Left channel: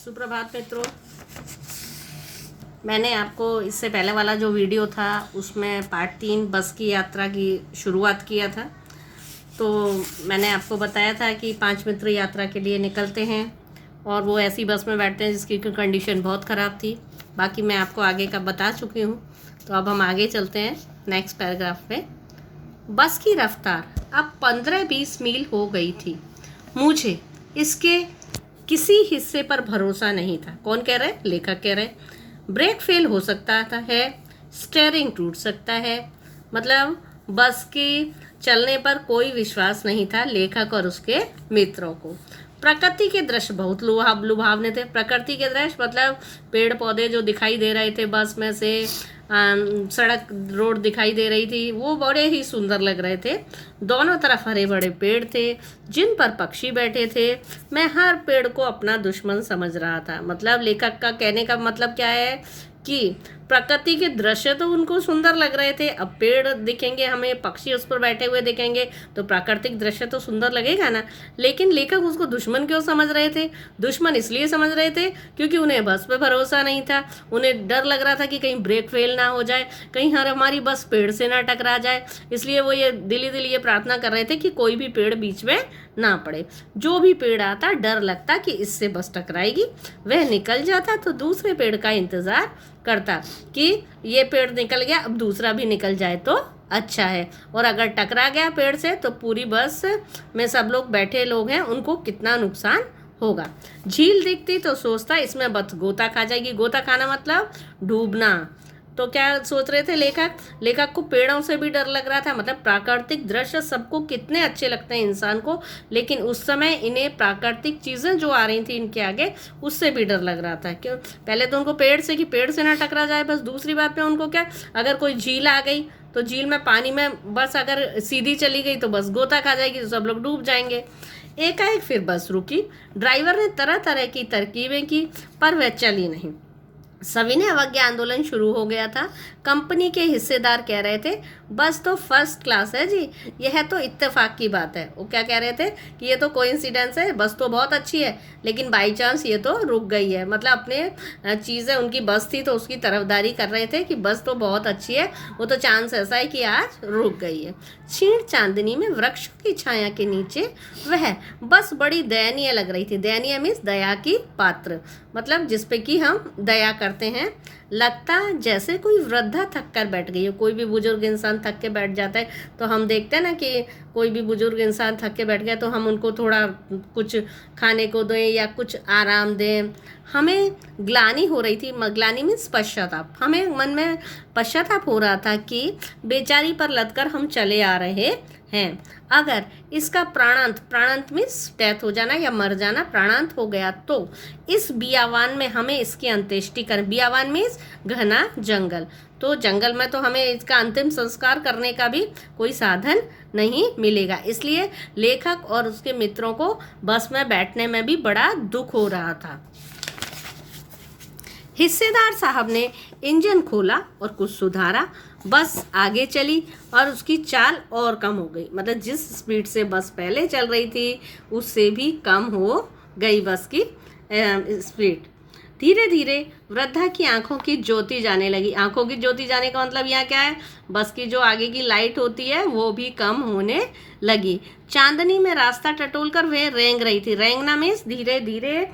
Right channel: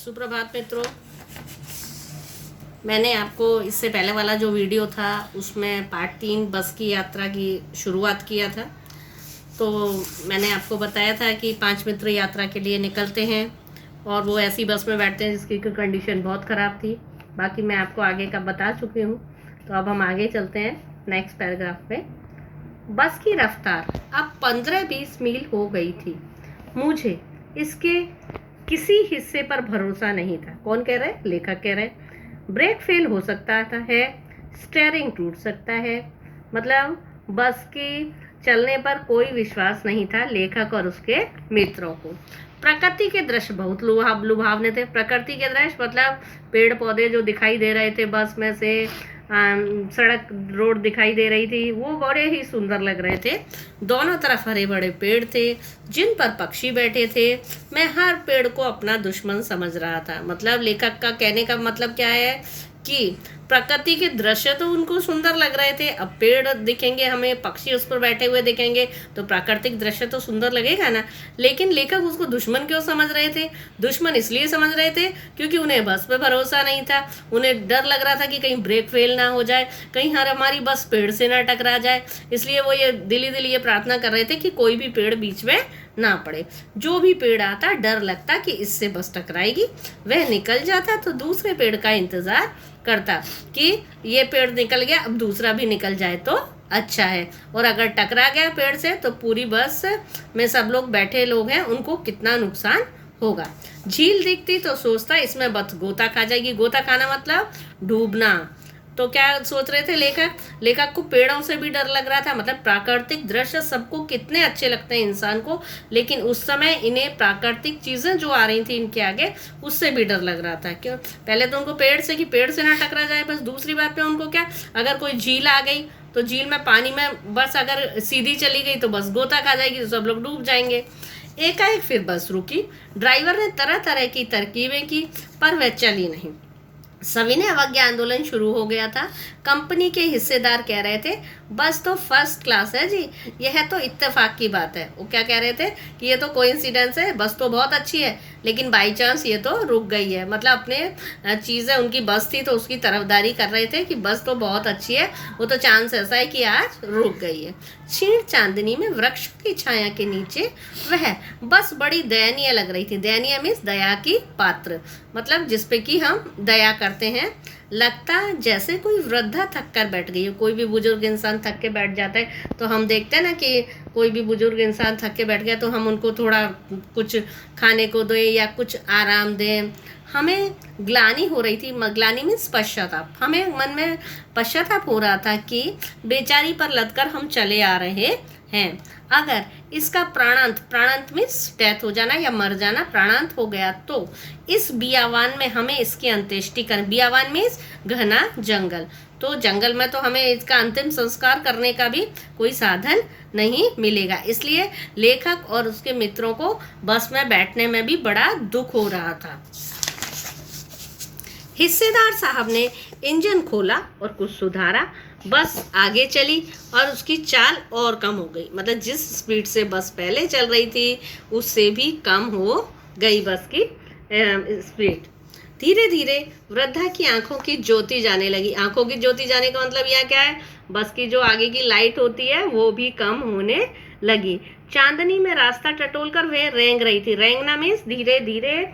सुप्रभात मित्रों। मैंने आपको इससे पहले वाला जो वीडियो था उसमें पार्ट 3 बस की यात्रा की शुरुआत किया था। तो मैंने आपको बताया था कि 5 मित्र यात्रा के लिए निकलते हैं और वो ऐसी बस में बैठते हैं जिसकी कंडीशन बहुत ख़राब थी। बाकी मैं आपको आगे का बता चुकी हूँ। तो अब हम आगे चलते हैं नेक्स्ट पैराग्राफ पे। बस की रफ्तार अब 15-20 मील हो गई थी। मुझे इसके किसी हिस्से पर भरोसा नहीं था। कौन कह रहे? लेखक कह रहे। ब्रेक फेल हो सकता था है, स्टीयरिंग टूट सकता है। मतलब बस के चलने पर कोई विश्वास नहीं था लेखक और उसके मित्रों को। प्रकृति के दृश्य बहुत लुभावने थे। प्रकृति के दृश्य मतलब पेड़ पौधे जो दिखाई दे रहे थे बस में से, सड़क रोड दिखाई दे रही थी, वो बड़े ही सुंदर लग रहे थे। दोनों तरफ हरे बड़े पेड़ थे जिन पर पक्षी बैठे थे। मैं हर पेड़ को अपना दुश्मन समझ रहा था। मतलब लेखक का कहने का मतलब क्या है कि प्रकृति के दृश्य तो उनको सुंदर लग रहे थे। अब पेड़ दिखेंगे हमें, पक्षी उस पर बैठे हुए दिखेंगे तो प्राकृतिक दृश्य तो सुंदर लगेगा ना। लेकिन लेखक उसको दुश्मन क्यों समझ रहे थे? दुश्मन इसलिए समझ रहे थे क्योंकि उन्हें बस पे भरोसा नहीं था। उन्हें डर लग रहा था कि कहीं ब्रेक फेल ना हो जाए, कहीं हमारी बस पेड़ से ना टकरा जाए। इसलिए वो ये दिली ये प्रार्थना कर रहे थे कि कोई भी पेड़ बीच में ना पड़े। जो भी पेड़ आता डर लगता कि इससे बस टकराएगी, वह निकल जाता तो दूसरे पेड़ का इंतजार करता कि ये पेड़ निकल गया, अब दूसरा भी निकल जाए तो अच्छा है। और अगर टकरा गया पेड़ से तो पूरी बस में सब लोग बैठे लोग हैं उनको कितना नुकसान होगा। झील दिखती तो सोचता इसमें बस गोता खा जाएगी। गोता खाना मतलब डूबना। तो क्या सोच रहे थे लेखक को पेड़ों से भी डर लग रहा था। मतलब प्राकृतिक दृश्य सबको कितने अच्छे लगते हैं इंसान को, लेकिन उस समय इन्हें प्राकृतिक चीजें जो आ रही थी इनके आगे उससे भी डर लग रहा था। क्यों? पहले तो उनको पेड़ से कि पेड़ से ना टकरा जाए, बस दूसरी बात पे उनको क्या, अगर कोई झील आ गई तो झील में पानी में बस अगर सीधी चली गई तो बस गोता खा जाएगी, तो सब लोग डूब जाएंगे। एकाएक फिर बस रुकी। ड्राइवर ने तरह तरह की तरकीबें की पर वह चली नहीं। सविनय अवज्ञा आंदोलन शुरू हो गया था। कंपनी के हिस्सेदार कह रहे थे बस तो फर्स्ट क्लास है जी, यह तो इत्तेफाक की बात है। वो क्या कह रहे थे कि ये तो कोइंसिडेंस है, बस तो बहुत अच्छी है लेकिन बाई चांस ये तो रुक गई है। मतलब अपने चीज़ें, उनकी बस थी तो उसकी तरफदारी कर रहे थे कि बस तो बहुत अच्छी है, वो तो चांस ऐसा है कि आज रुक गई है। क्षीण चांदनी में वृक्षों की छाया के नीचे वह बस बड़ी दयनीय लग रही थी। दयनीय मीन्स दया की पात्र, मतलब जिसपे कि हम दया करते हैं। लगता जैसे कोई वृद्धा थक कर बैठ गई हो। कोई भी बुजुर्ग इंसान थक के बैठ जाता है तो हम देखते हैं ना कि कोई भी बुजुर्ग इंसान थक के बैठ गया तो हम उनको थोड़ा कुछ खाने को दें या कुछ आराम दें। हमें ग्लानि हो रही थी। ग्लानि मीन्स पश्चाताप। हमें मन में पश्चाताप हो रहा था कि बेचारी पर लदकर हम चले आ रहे हैं। अगर इसका प्राणांत मीन्स डेथ हो जाना या मर जाना, प्राणांत हो गया तो इस बियावान में हमें इसकी अंत्येष्टि कर। बियावान मीन्स घना जंगल, तो जंगल में तो हमें इसका अंतिम संस्कार करने का भी कोई साधन नहीं मिलेगा। इसलिए लेखक और उसके मित्रों को बस में बैठने में भी बड़ा दुख हो रहा था। हिस्सेदार साहब ने इंजन खोला और कुछ सुधारा। बस आगे चली और उसकी चाल और कम हो गई। मतलब जिस स्पीड से बस पहले चल रही थी उससे भी कम हो गई बस की स्पीड। धीरे धीरे वृद्धा की आंखों की ज्योति जाने लगी। आंखों की ज्योति जाने का मतलब यहाँ क्या है? बस की जो आगे की लाइट होती है वो भी कम होने लगी। चांदनी में रास्ता टटोलकर वह रेंग रही थी। रेंगना मीन्स धीरे धीरे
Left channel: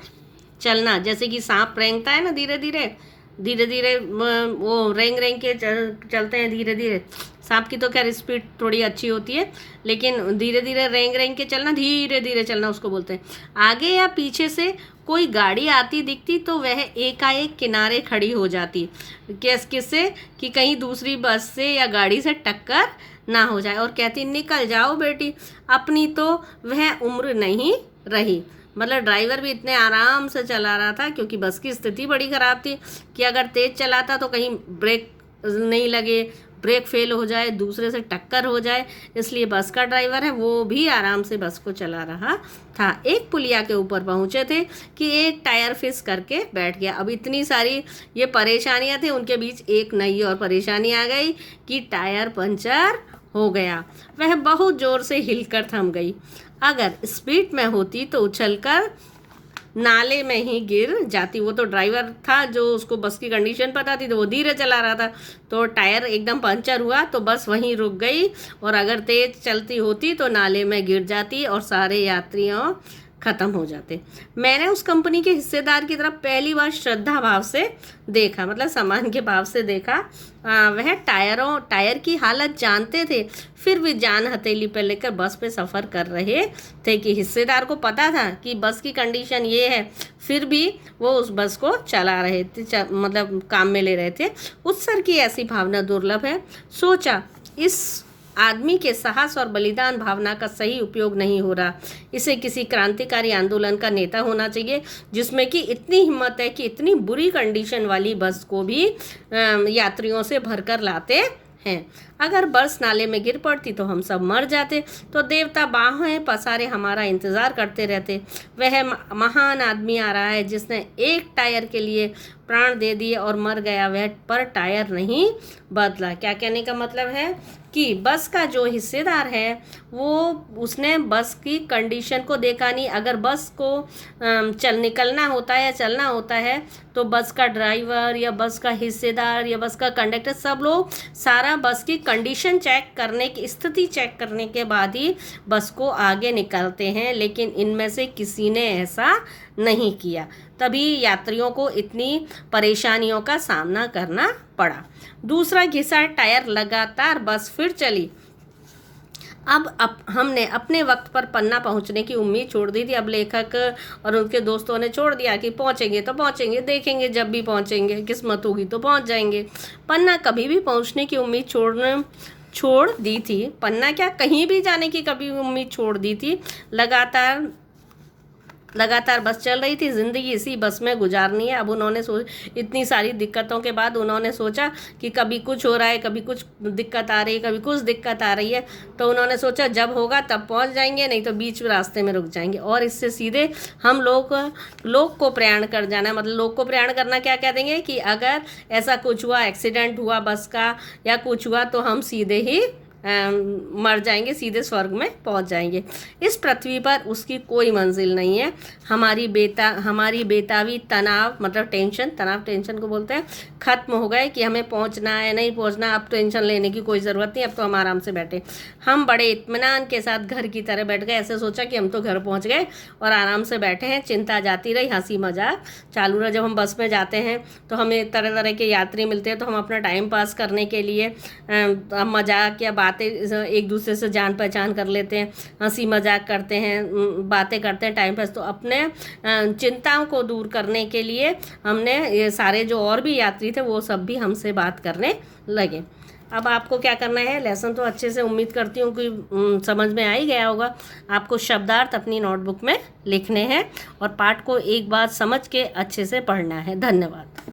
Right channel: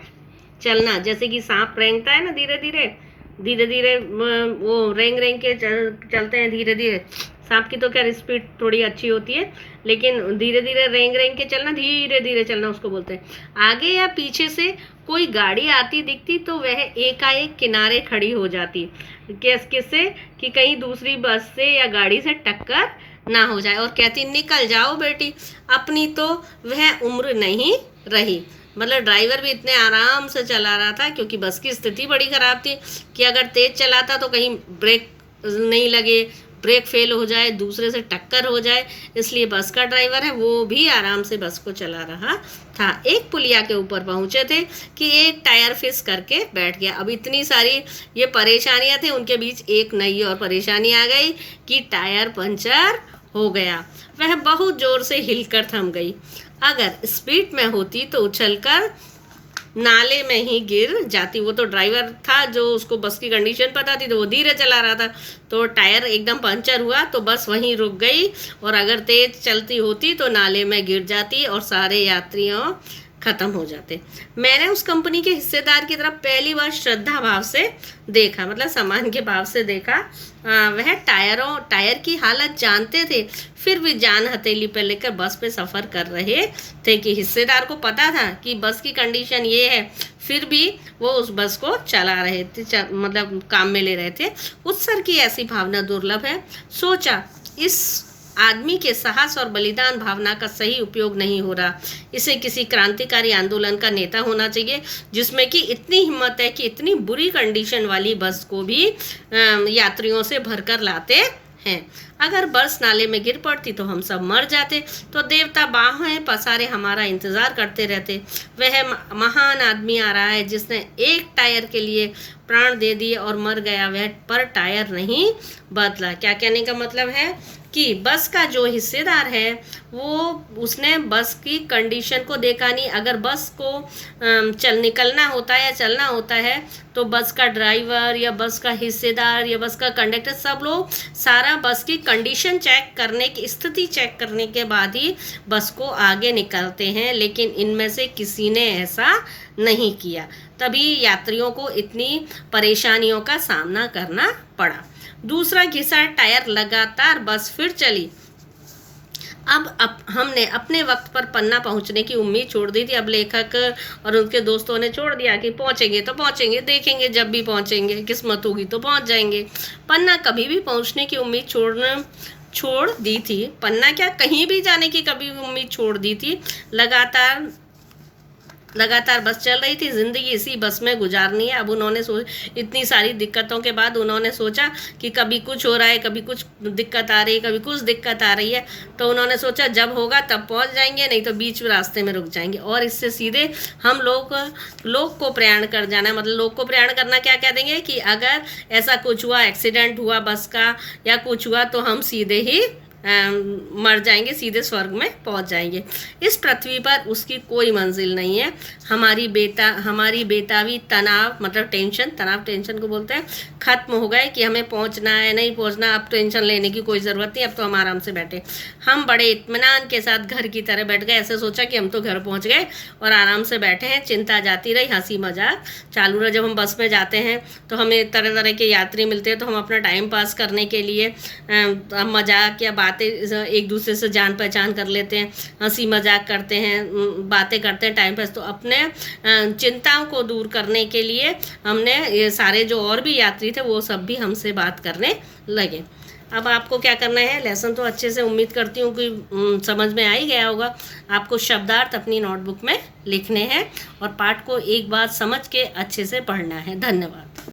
चलना, जैसे कि सांप रेंगता है ना, धीरे धीरे वो रेंग के चलते हैं धीरे धीरे। सांप की तो खैर स्पीड थोड़ी अच्छी होती है, लेकिन धीरे धीरे रेंग के चलना, धीरे धीरे चलना उसको बोलते हैं। आगे या पीछे से कोई गाड़ी आती दिखती तो वह एकाएक किनारे खड़ी हो जाती। किससे? कि कहीं दूसरी बस से या गाड़ी से टक्कर ना हो जाए, और कहती निकल जाओ बेटी, अपनी तो वह उम्र नहीं रही। मतलब ड्राइवर भी इतने आराम से चला रहा था क्योंकि बस की स्थिति बड़ी ख़राब थी कि अगर तेज़ चलाता तो कहीं ब्रेक नहीं लगे, ब्रेक फेल हो जाए, दूसरे से टक्कर हो जाए। इसलिए बस का ड्राइवर है वो भी आराम से बस को चला रहा था। एक पुलिया के ऊपर पहुंचे थे कि एक टायर फिस करके बैठ गया। अब इतनी सारी ये परेशानियां थी, उनके बीच एक नई और परेशानी आ गई कि टायर पंचर हो गया। वह बहुत ज़ोर से हिलकर थम गई। अगर स्पीड में होती तो उछलकर नाले में ही गिर जाती। वो तो ड्राइवर था जो उसको बस की कंडीशन पता थी, तो वो धीरे चला रहा था, तो टायर एकदम पंचर हुआ, तो बस वहीं रुक गई, और अगर तेज चलती होती तो नाले में गिर जाती और सारे यात्रियों ख़त्म हो जाते। मैंने उस कंपनी के हिस्सेदार की तरफ पहली बार श्रद्धा भाव से देखा, मतलब सम्मान के भाव से देखा। वह टायर की हालत जानते थे, फिर भी जान हथेली पर लेकर बस पे सफ़र कर रहे थे कि हिस्सेदार को पता था कि बस की कंडीशन ये है, फिर भी वो उस बस को चला रहे थे, मतलब काम में ले रहे थे। उत्सर्ग की ऐसी भावना दुर्लभ है। सोचा, इस आदमी के साहस और बलिदान भावना का सही उपयोग नहीं हो रहा। इसे किसी क्रांतिकारी आंदोलन का नेता होना चाहिए, जिसमें कि इतनी हिम्मत है कि इतनी बुरी कंडीशन वाली बस को भी यात्रियों से भरकर लाते हैं। अगर बस नाले में गिर पड़ती तो हम सब मर जाते, तो देवता बाहें पसारे हमारा इंतज़ार करते रहते। वह महान आदमी आ रहा है जिसने एक टायर के लिए प्राण दे दिए और मर गया, वह पर टायर नहीं बदला। क्या कहने का मतलब है कि बस का जो हिस्सेदार है वो उसने बस की कंडीशन को देखा नहीं। अगर बस को निकलना होता है या चलना होता है, तो बस का ड्राइवर या बस का हिस्सेदार या बस का कंडक्टर, सब लोग सारा बस की कंडीशन चेक करने की, स्थिति चेक करने के बाद ही बस को आगे निकालते हैं, लेकिन इनमें से किसी ने ऐसा नहीं किया। तभी यात्रियों को इतनी परेशानियों का सामना करना पड़ा। दूसरा घिसा टायर, लगातार बस फिर चली। अब हमने अपने वक्त पर पन्ना पहुंचने की उम्मीद छोड़ दी थी। अब लेखक और उनके दोस्तों ने छोड़ दिया कि पहुंचेंगे तो पहुंचेंगे, देखेंगे जब भी पहुंचेंगे, किस्मत होगी तो पहुंच जाएंगे। पन्ना कभी भी पहुंचने की उम्मीद छोड़ दी थी। पन्ना क्या, कहीं भी जाने की कभी उम्मीद छोड़ दी थी। लगातार बस चल रही थी, ज़िंदगी इसी बस में गुजारनी है। अब उन्होंने इतनी सारी दिक्कतों के बाद उन्होंने सोचा कि कभी कुछ हो रहा है, कभी कुछ दिक्कत आ रही है, कभी कुछ दिक्कत आ रही है, तो उन्होंने सोचा जब होगा तब पहुंच जाएंगे, नहीं तो बीच रास्ते में रुक जाएंगे। और इससे सीधे हम लोग को प्रयाण कर जाना। मतलब लोग को प्रयाण करना क्या कह देंगे कि अगर ऐसा कुछ हुआ, एक्सीडेंट हुआ बस का या कुछ हुआ, तो हम सीधे ही मर जाएंगे, सीधे स्वर्ग में पहुंच जाएंगे। इस पृथ्वी पर उसकी कोई मंजिल नहीं है। हमारी बेतावी तनाव, मतलब टेंशन को बोलते हैं, ख़त्म हो गए कि हमें पहुंचना है नहीं पहुंचना। अब टेंशन लेने की कोई ज़रूरत नहीं, अब तो हम आराम से बैठे। हम बड़े इत्मीनान के साथ घर की तरह बैठ गए। ऐसे सोचा कि हम तो घर पहुँच गए और आराम से बैठे हैं। चिंता जाती रही, हंसी मजाक चालू रहा। जब हम बस में जाते हैं तो हमें तरह तरह के यात्री मिलते हैं, तो हम अपना टाइम पास करने के लिए मजाक या बातें एक दूसरे से जान पहचान कर लेते हैं, हंसी मजाक करते हैं, बातें करते हैं, टाइम पास। तो अपने चिंताओं को दूर करने के लिए हमने ये सारे जो और भी यात्री थे वो सब भी हमसे बात करने लगे। अब आपको क्या करना है, लेसन तो अच्छे से उम्मीद करती हूँ कि समझ में आ ही गया होगा। आपको शब्दार्थ अपनी नोटबुक में लिखने हैं और पाठ को एक बार समझ के अच्छे से पढ़ना है। धन्यवाद।